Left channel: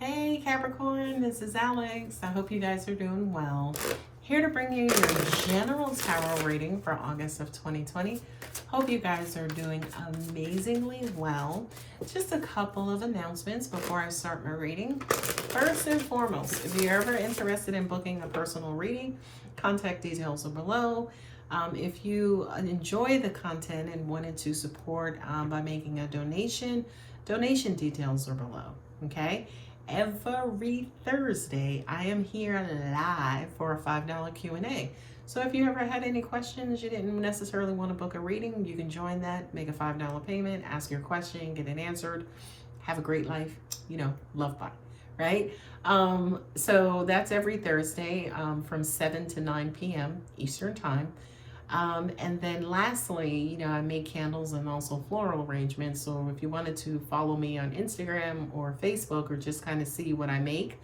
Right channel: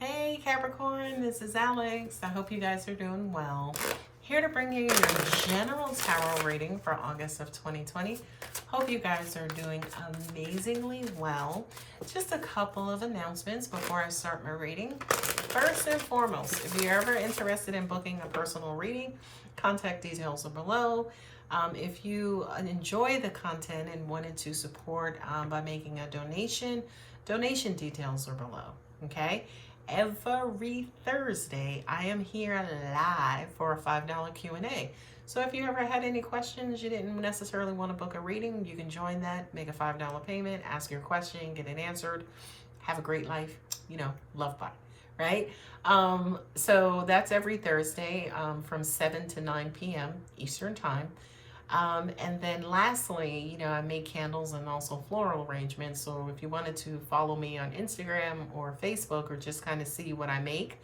Hey Capricorn, this is Alex. I hope you guys are doing well. Here to bring you your general tarot reading for August of 2020. Hope you guys are doing amazingly well. Just a couple of announcements before I start my reading. First and foremost, if you're ever interested in booking a personal reading, contact details are below. If you enjoy the content and wanted to support by making a donation details are below, okay? Every Thursday, I am here live for a $5 Q&A. So if you ever had any questions, you didn't necessarily want to book a reading, you can join that, make a $5 payment, ask your question, get it answered, have a great life, love bye, right? So that's every Thursday from 7 to 9 p.m. Eastern Time. And then lastly, I make candles and also floral arrangements. So if you wanted to follow me on Instagram or Facebook or just kind of see what I make,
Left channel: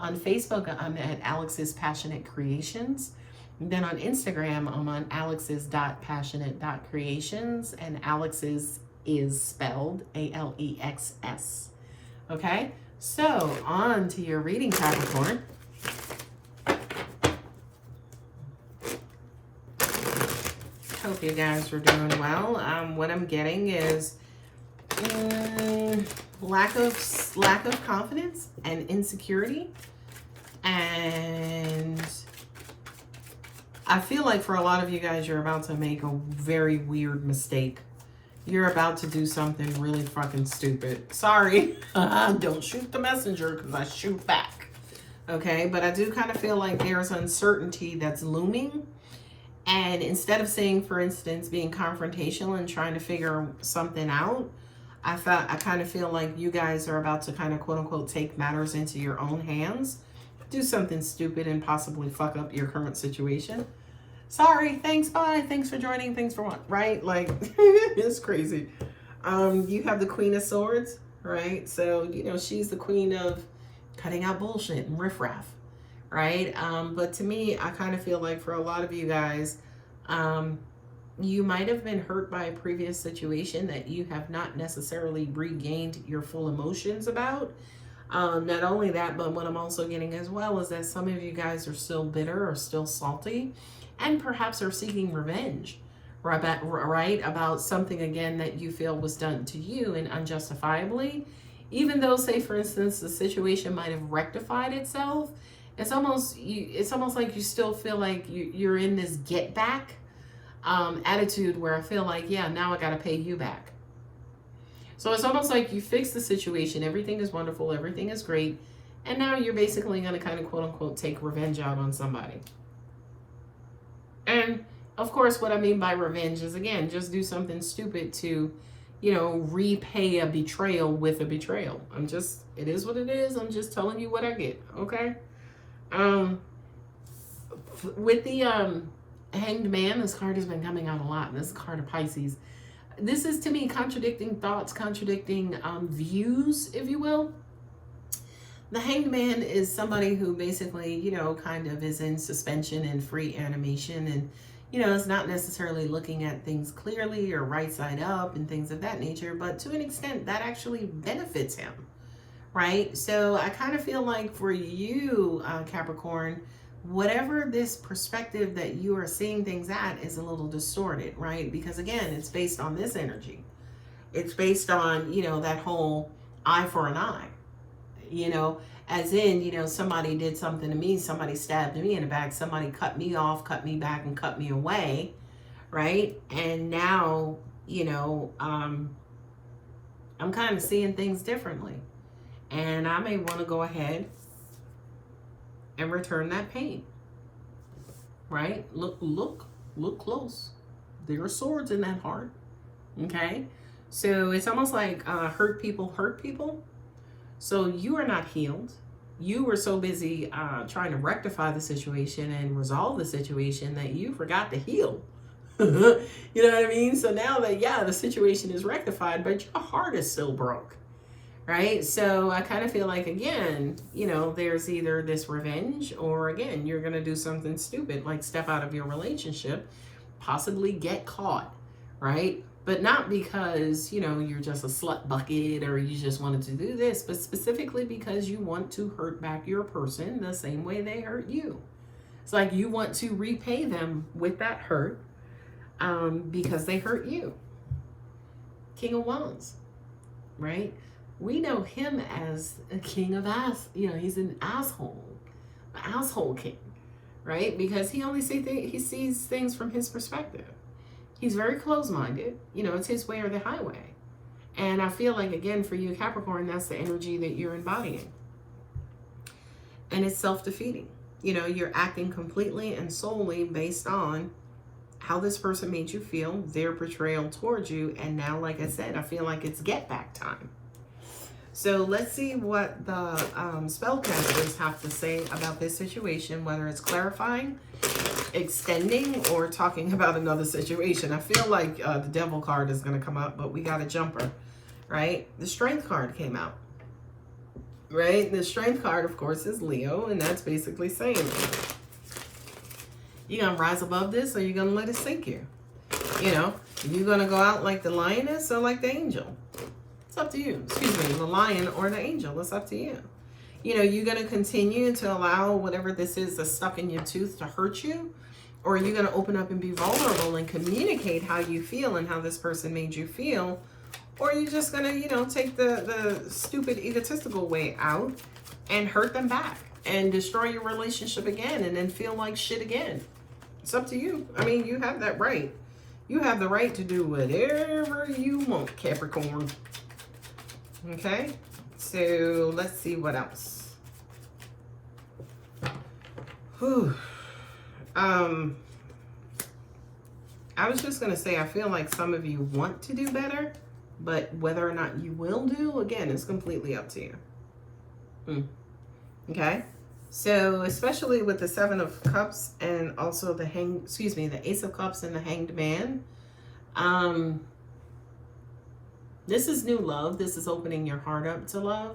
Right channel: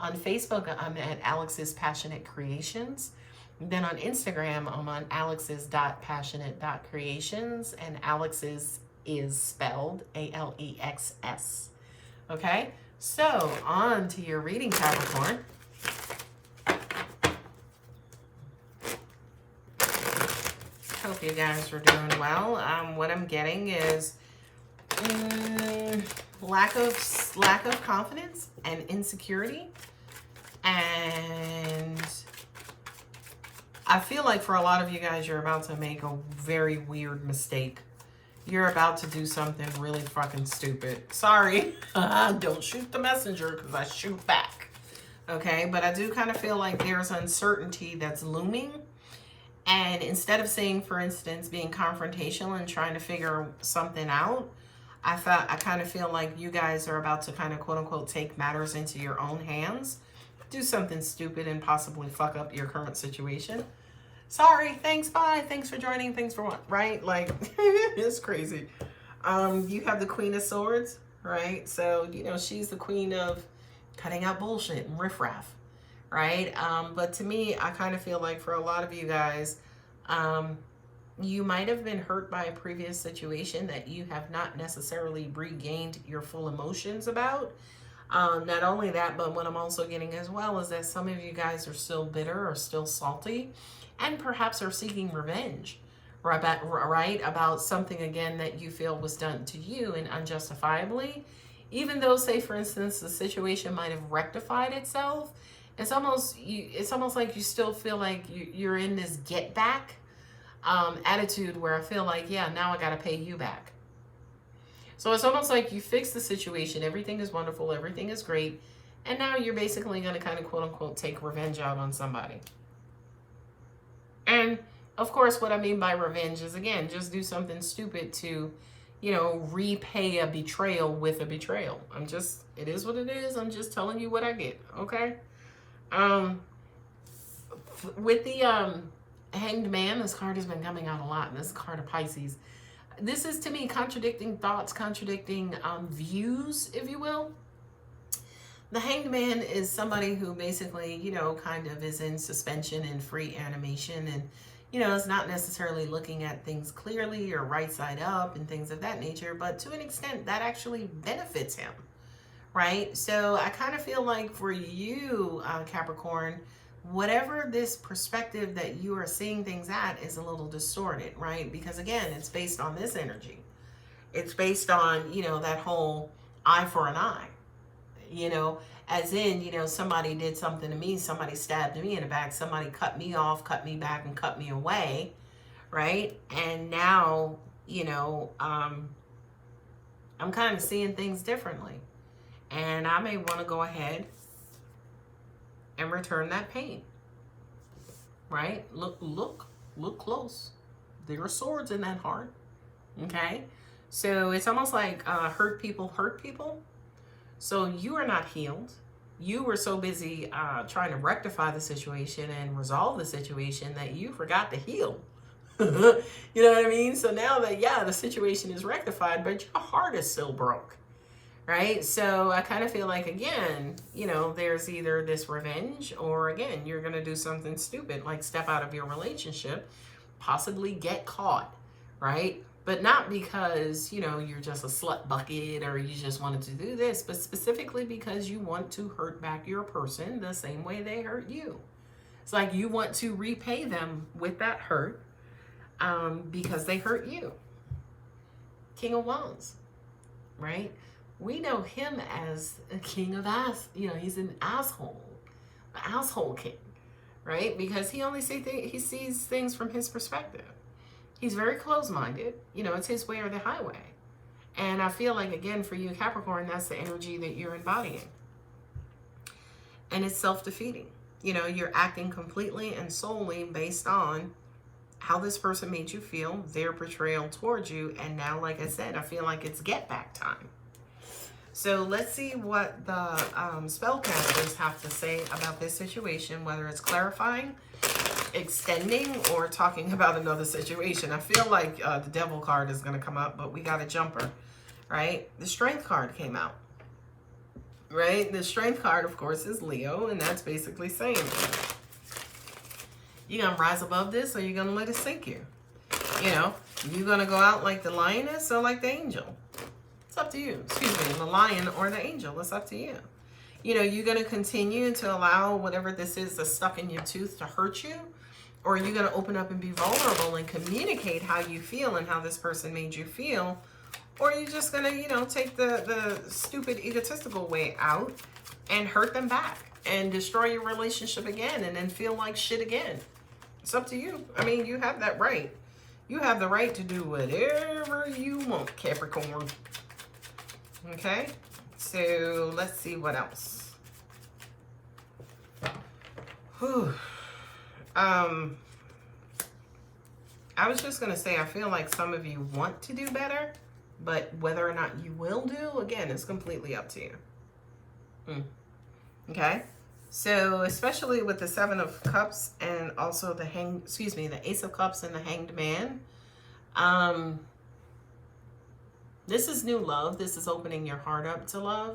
on Facebook, I'm at Alex's Passionate Creations. Then on Instagram, I'm on alex's.passionate.creations, and Alex's is spelled ALEXS. Okay, so on to your reading, Capricorn. Hope you guys are doing well. What I'm getting is lack of confidence and insecurity, and I feel like for a lot of you guys, you're about to make a very weird mistake. You're about to do something really fucking stupid. Sorry, don't shoot the messenger because I shoot back. Okay, but I do kind of feel like there's uncertainty that's looming. And instead of saying, for instance, being confrontational and trying to figure something out, I kind of feel like you guys are about to kind of quote unquote take matters into your own hands, do something stupid and possibly fuck up your current situation. Sorry, thanks, bye, thanks for joining, thanks for what, right? Like, it's crazy. You have the Queen of Swords, right? So, she's the queen of cutting out bullshit and riffraff. Right? But to me, I kind of feel like for a lot of you guys, you might have been hurt by a previous situation that you have not necessarily regained your full emotions about. Not only that, but what I'm also getting as well is that some of you guys are still bitter or still salty and perhaps are seeking revenge, right? About something, again, that you feel was done to you and unjustifiably. Even though, say, for instance, the situation might have rectified itself, it's almost like you still feel like you're in this get back attitude where I feel like, yeah, now I got to pay you back. So it's almost like you fix the situation. Everything is wonderful. Everything is great. And now you're basically going to kind of quote unquote take revenge out on somebody. And of course, what I mean by revenge is, again, just do something stupid to, repay a betrayal with a betrayal. It is what it is. I'm just telling you what I get. Okay. With the Hanged Man, this card has been coming out a lot, and this is a card of Pisces. This is, to me, contradicting thoughts, contradicting views, if you will. The Hanged Man is somebody who basically, kind of is in suspension and free animation, and, is not necessarily looking at things clearly or right side up and things of that nature, but to an extent, that actually benefits him. Right? So I kind of feel like for you, Capricorn, whatever this perspective that you are seeing things at is a little distorted, right? Because again, it's based on this energy. It's based on, that whole eye for an eye, as in, somebody did something to me, somebody stabbed me in the back, somebody cut me off, cut me back, and cut me away, right? And now, I'm kind of seeing things differently. And I may want to go ahead and return that pain, right? Look close. There are swords in that heart, okay? So it's almost like hurt people hurt people. So you are not healed. You were so busy trying to rectify the situation and resolve the situation that you forgot to heal. You know what I mean? So now that, the situation is rectified, but your heart is still broke. Right? So I kind of feel like, again, there's either this revenge or, again, you're going to do something stupid, like step out of your relationship, possibly get caught, right? But not because, you know, you're just a slut bucket or you just wanted to do this, but specifically because you want to hurt back your person the same way they hurt you. It's like you want to repay them with that hurt because they hurt you. King of Wands, right? We know him as a king of ass. You know, he's an asshole king, right? Because he only sees things from his perspective. He's very close-minded. You know, it's his way or the highway. And I feel like, again, for you, Capricorn, that's the energy that you're embodying. And it's self-defeating. You know, you're acting completely and solely based on how this person made you feel, their portrayal towards you. And now, like I said, I feel like it's get back time. So let's see what the spellcasters have to say about this situation, whether it's clarifying, extending, or talking about another situation. I feel like the devil card is going to come up, but we got a jumper, right? The strength card came out, right? The strength card, of course, is Leo, and that's basically saying, you going to rise above this, or you going to let it sink you? You know, you going to go out like the lioness or like the angel? It's up to you. Excuse me, the lion or the angel. It's up to you. You know, you're going to continue to allow whatever this is that's stuck in your tooth to hurt you? Or are you going to open up and be vulnerable and communicate how you feel and how this person made you feel? Or are you just going to, you know, take the stupid egotistical way out and hurt them back and destroy your relationship again and then feel like shit again? It's up to you. I mean, you have that right. You have the right to do whatever you want, Capricorn. Okay, so let's see what else. Whew. I was just going to say, I feel like some of you want to do better, but whether or not you will do, again, is completely up to you. Okay, so especially with the Seven of Cups and also the the Ace of Cups and the Hanged Man. This is new love. This is opening your heart up to love.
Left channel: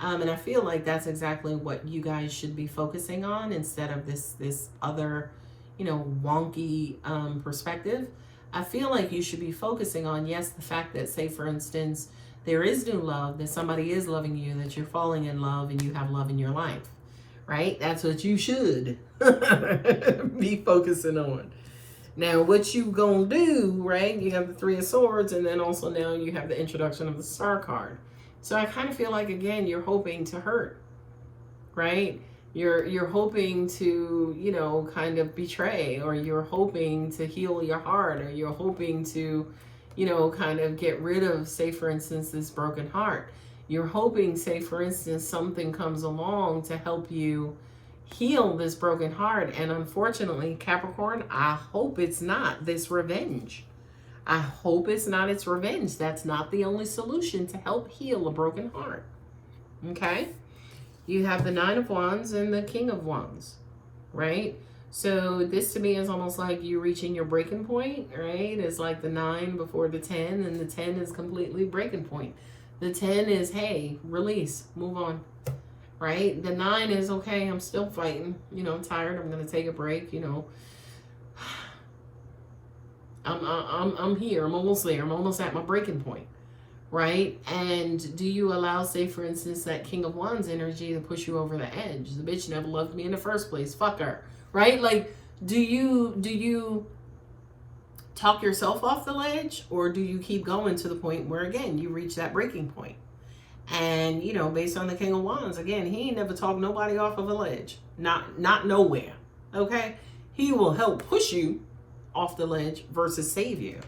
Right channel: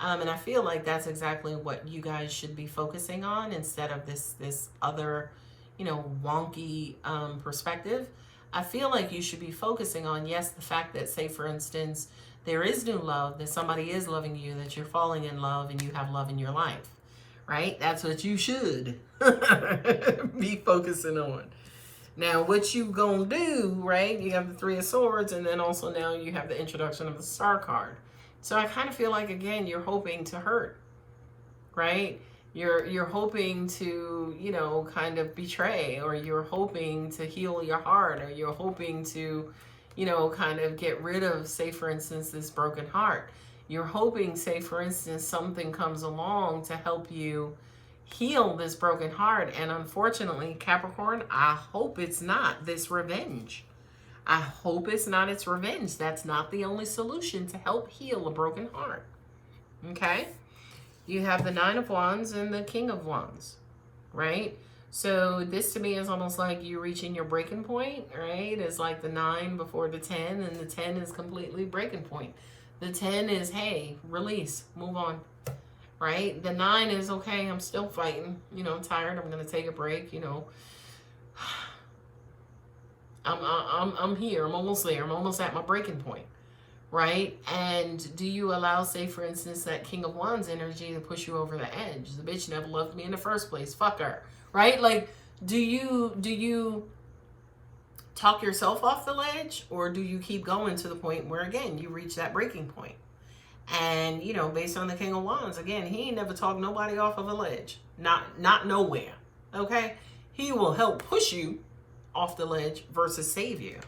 And I feel like that's exactly what you guys should be focusing on instead of this other, you know, wonky perspective. I feel like you should be focusing on, yes, the fact that, say, for instance, there is new love, that somebody is loving you, that you're falling in love and you have love in your life, right? That's what you should be focusing on. Now, what you gonna do, right? You have the Three of Swords, and then also now you have the introduction of the Star card. So I kind of feel like, again, you're hoping to hurt, right? You're hoping to, you know, kind of betray, or you're hoping to heal your heart, or you're hoping to, you know, kind of get rid of, say, for instance, this broken heart. You're hoping, say, for instance, something comes along to help you heal this broken heart. And unfortunately, Capricorn, I hope it's not this revenge. I hope it's not its revenge. That's not the only solution to help heal a broken heart. Okay? You have the Nine of Wands and the King of Wands, right? So this to me is almost like you reaching your breaking point, right? It's like the 9 before the 10, and the 10 is completely breaking point. The 10 is, hey, release, move on. Right? The 9 is, okay, I'm still fighting. You know, I'm tired. I'm going to take a break. You know, I'm here. I'm almost there. I'm almost at my breaking point. Right? And do you allow, say, for instance, that King of Wands energy to push you over the edge? The bitch never loved me in the first place. Fuck her. Right? Like, do you talk yourself off the ledge, or do you keep going to the point where, again, you reach that breaking point? And, you know, based on the King of Wands, again, he ain't never talked nobody off of a ledge. Not nowhere. Okay? He will help push you off the ledge versus save you.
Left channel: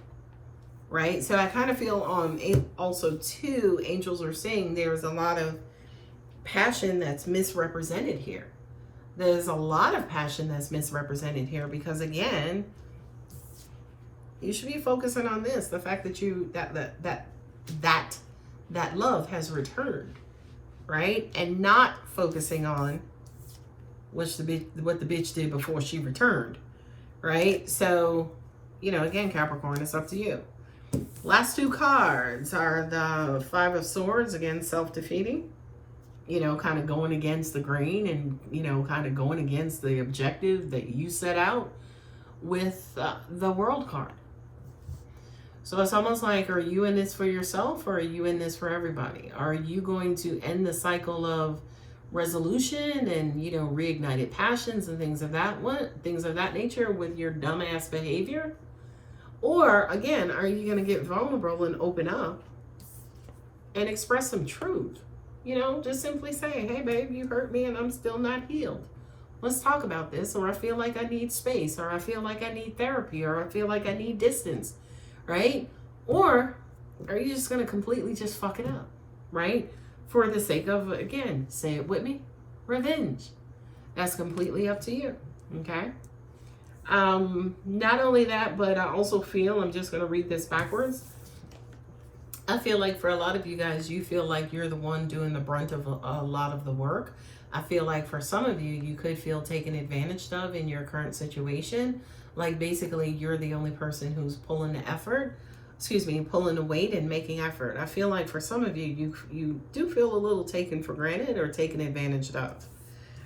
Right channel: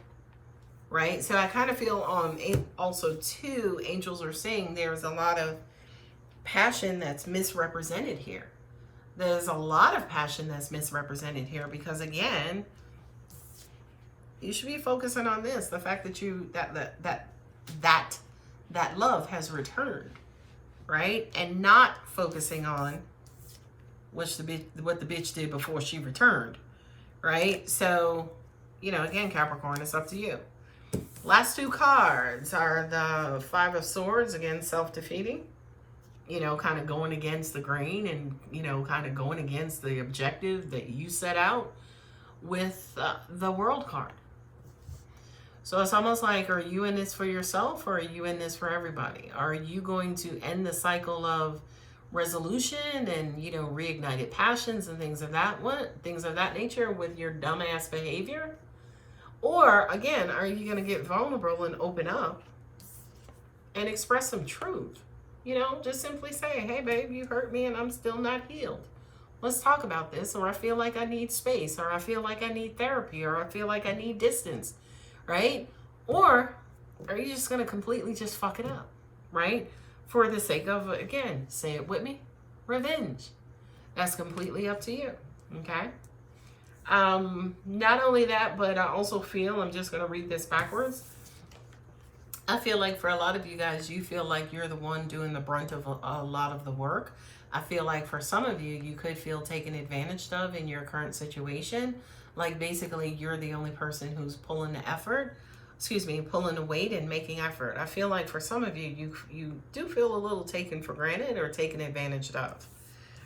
Right? So I kind of feel also, too, angels are saying there's a lot of passion that's misrepresented here. There's a lot of passion that's misrepresented here because, again, you should be focusing on this. The fact that that love has returned, right? And not focusing on what the bitch did before she returned, right? So, you know, again, Capricorn, it's up to you. Last two cards are the Five of Swords, again, self-defeating, you know, kind of going against the grain and, you know, kind of going against the objective that you set out with the World card. So it's almost like, are you in this for yourself, or are you in this for everybody? Are you going to end the cycle of resolution and, you know, reignited passions and things of that nature with your dumbass behavior? Or again, are you going to get vulnerable and open up and express some truth? You know, just simply say, hey babe, you hurt me and I'm still not healed. Let's talk about this. Or I feel like I need space, or I feel like I need therapy, or I feel like I need distance, right? Or are you just going to completely just fuck it up, right? For the sake of, again, say it with me, revenge. That's completely up to you, okay? Not only that, but I also feel, I'm just going to read this backwards. I feel like for a lot of you guys, you feel like you're the one doing the brunt of a lot of the work. I feel like for some of you, you could feel taken advantage of in your current situation. Like basically you're the only person who's pulling the effort, pulling the weight and making effort. I feel like for some of you, you do feel a little taken for granted or taken advantage of,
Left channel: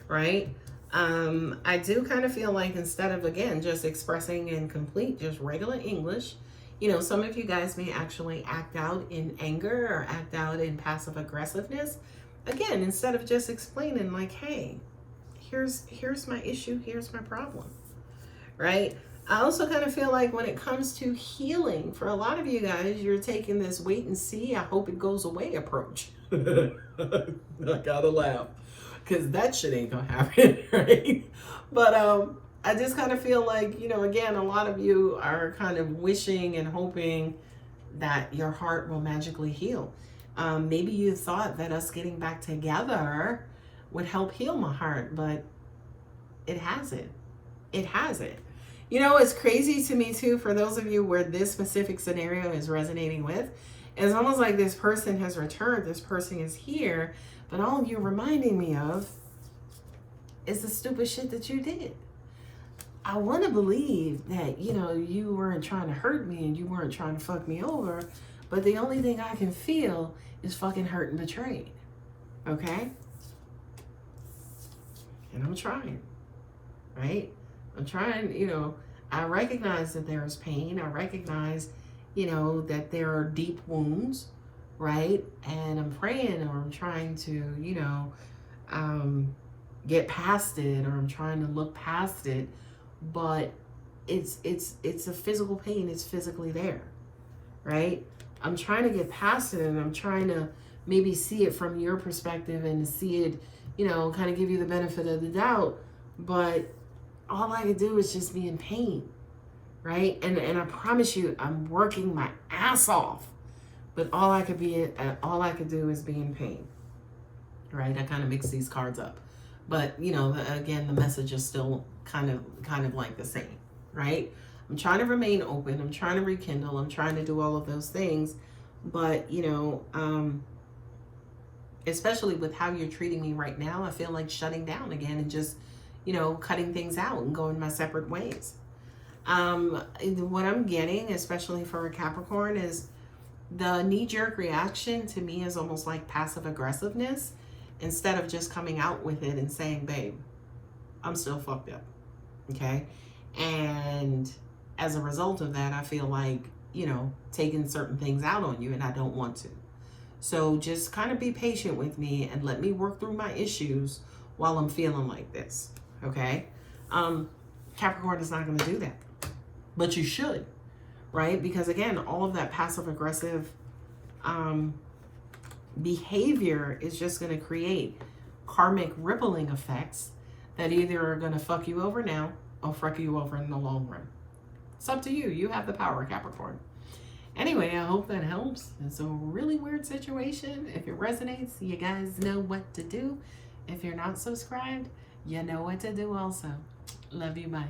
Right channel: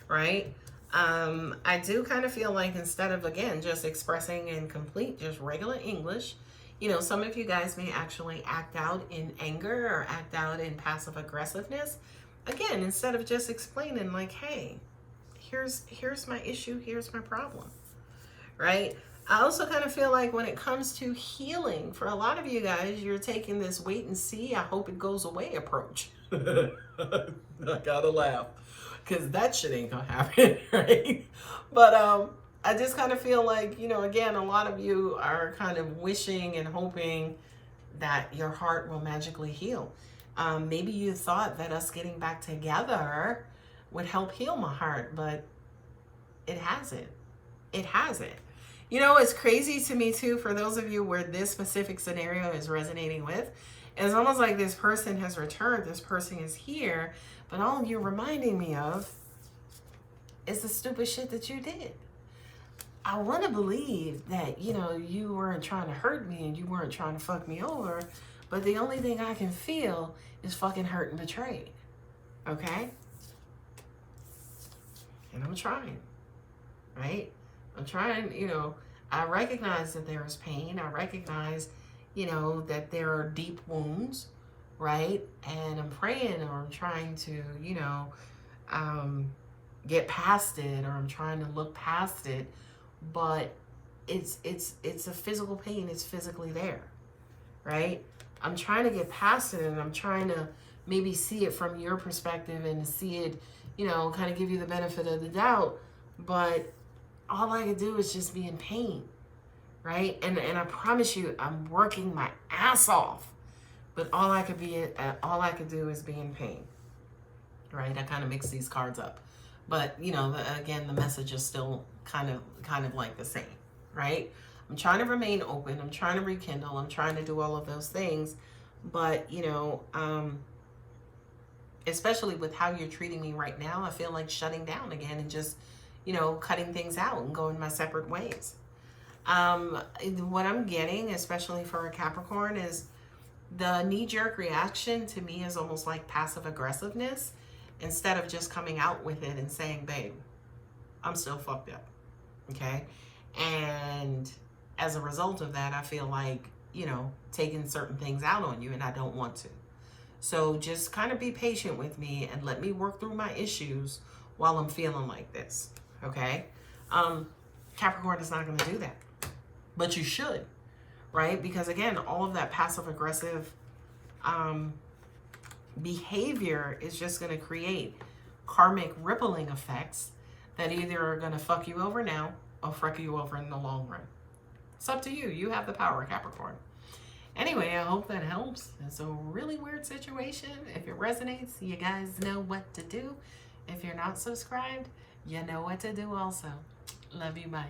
right? I do kind of feel like instead of, again, just expressing in complete, just regular English, you know, some of you guys may actually act out in anger or act out in passive aggressiveness. Again, instead of just explaining like, hey, here's my issue, here's my problem, right? I also kind of feel like when it comes to healing, for a lot of you guys, you're taking this wait and see, I hope it goes away approach. I gotta laugh because that shit ain't gonna happen, right? But I just kind of feel like, you know, again, a lot of you are kind of wishing and hoping that your heart will magically heal. Maybe you thought that us getting back together would help heal my heart, but it hasn't. It hasn't. You know, it's crazy to me too, for those of you where this specific scenario is resonating with, it's almost like this person has returned, this person is here, but all you're reminding me of is the stupid shit that you did. I want to believe that, you know, you weren't trying to hurt me and you weren't trying to fuck me over, but the only thing I can feel is fucking hurt and betrayed. Okay? And I'm trying, right? I'm trying, you know, I recognize that there is pain. I recognize, you know, that there are deep wounds, right? And I'm praying, or I'm trying to, you know, get past it, or I'm trying to look past it. But it's a physical pain. It's physically there, right? I'm trying to get past it, and I'm trying to maybe see it from your perspective and see it, you know, kind of give you the benefit of the doubt. But all I could do is just be in pain, right? And I promise you, I'm working my ass off, but all I could do is be in pain, right? I kind of mix these cards up, but you know, again, the message is still kind of like the same, right? I'm trying to remain open. I'm trying to rekindle. I'm trying to do all of those things, but you know, especially with how you're treating me right now, I feel like shutting down again and just, you know, cutting things out and going my separate ways. What I'm getting, especially for a Capricorn, is the knee-jerk reaction to me is almost like passive aggressiveness, instead of just coming out with it and saying, babe, I'm still fucked up, okay? And as a result of that, I feel like, you know, taking certain things out on you, and I don't want to. So just kind of be patient with me and let me work through my issues while I'm feeling like this, okay? Capricorn is not going to do that, but you should, right? Because again, all of that passive aggressive behavior is just going to create karmic rippling effects that either are going to fuck you over now or fuck you over in the long run. It's up to you. You have the power, Capricorn. Anyway, I hope that helps. It's a really weird situation. If it resonates, you guys know what to do. If you're not subscribed, you know what to do also. Love you. Bye.